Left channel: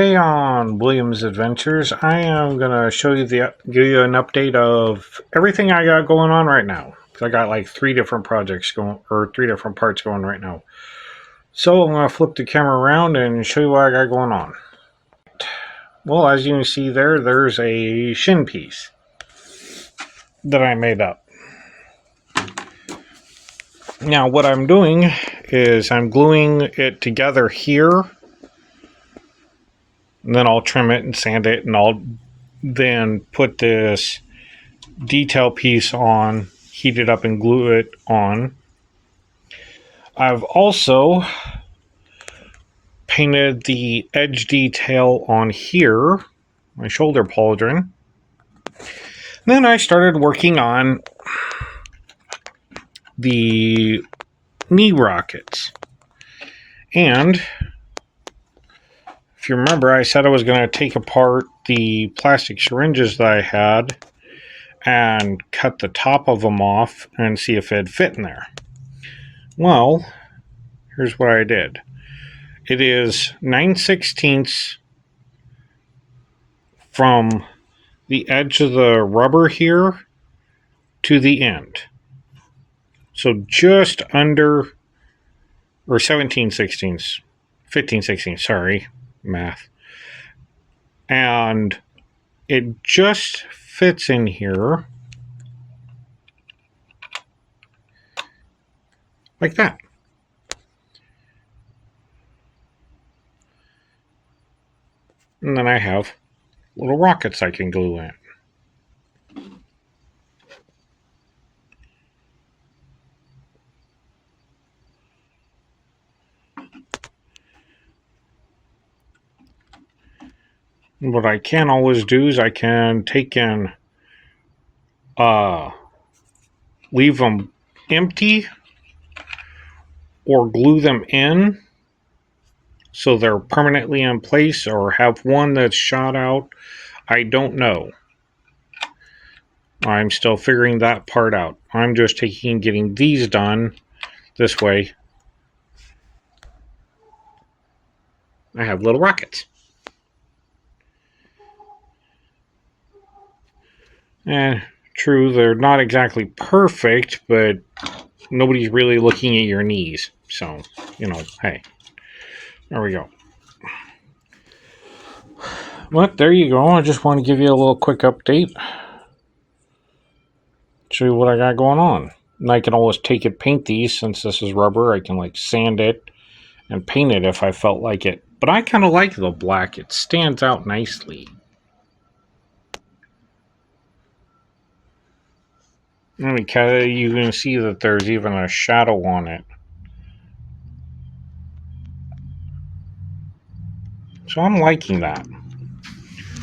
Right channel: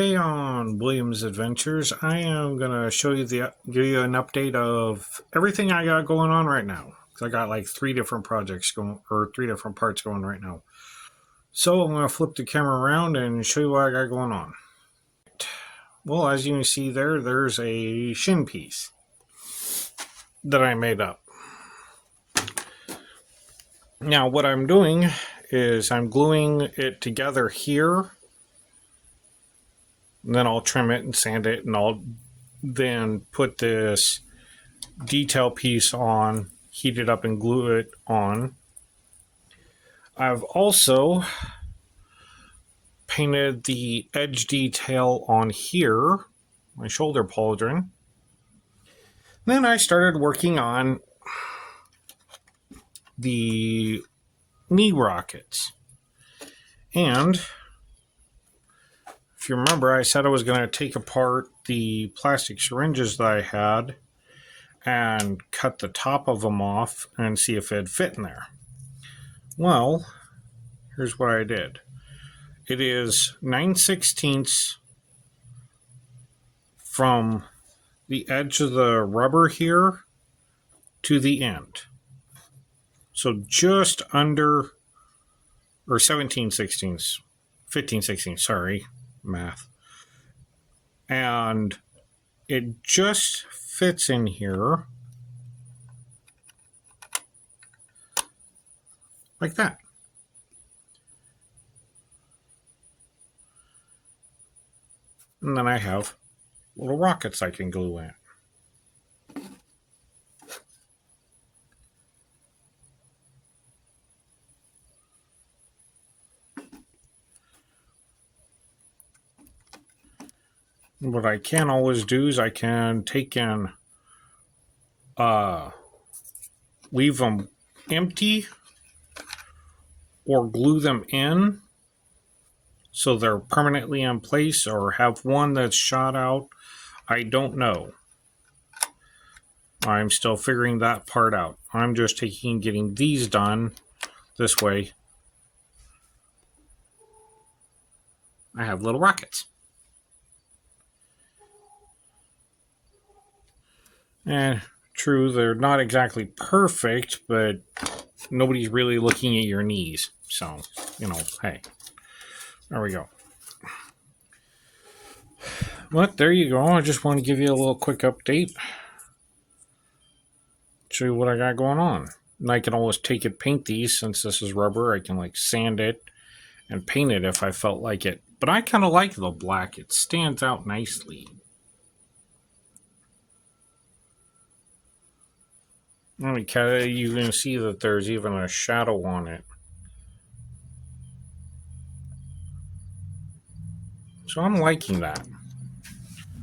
Today on William's Adventures, I am gonna give you an update of everything I got going on right now. Cause I got like three different projects going, or three different parts going right now. So I'm gonna flip the camera around and show you what I got going on. Well, as you can see there's a Shin piece that I made up. Now what I'm doing is I'm gluing it together here. And then I'll trim it and sand it, and I'll then put this detail piece on, heat it up and glue it on. I've also painted the edge detail on here, my shoulder pauldron. Then I started working on the knee rockets. And if you remember, I said I was going to take apart the plastic syringes that I had and cut the top of them off and see if it'd fit in there. Well, here's what I did. It is 9/16 from the edge of the rubber here to the end. So just under, or 17/16, 15/16, sorry. Math. And it just fits in here like that. And then I have little rockets I can glue in. What I can always do is I can take and leave them empty or glue them in so they're permanently in place, or have one that's shot out. I don't know. I'm still figuring that part out. I'm just getting these done this way. I have little rockets. And true, they're not exactly perfect, but nobody's really looking at your knees. So, hey, there we go. But there you go. I just want to give you a little quick update. Show you what I got going on. And I can always paint these, since this is rubber. I can sand it and paint it if I felt like it. But I kind of like the black. It stands out nicely. You can see that there's even a shadow on it. So I'm liking that.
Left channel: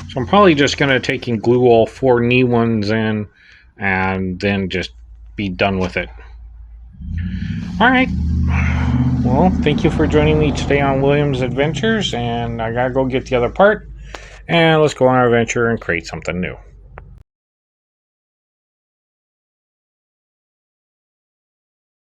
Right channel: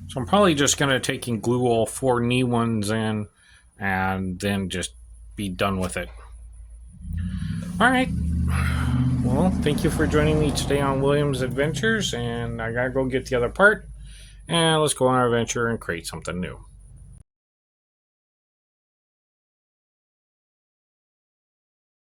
So I'm probably just going to take and glue all four knee ones in and then just be done with it. Alright. Well, thank you for joining me today on William's Adventures, and I gotta go get the other part. And let's go on our adventure and create something new.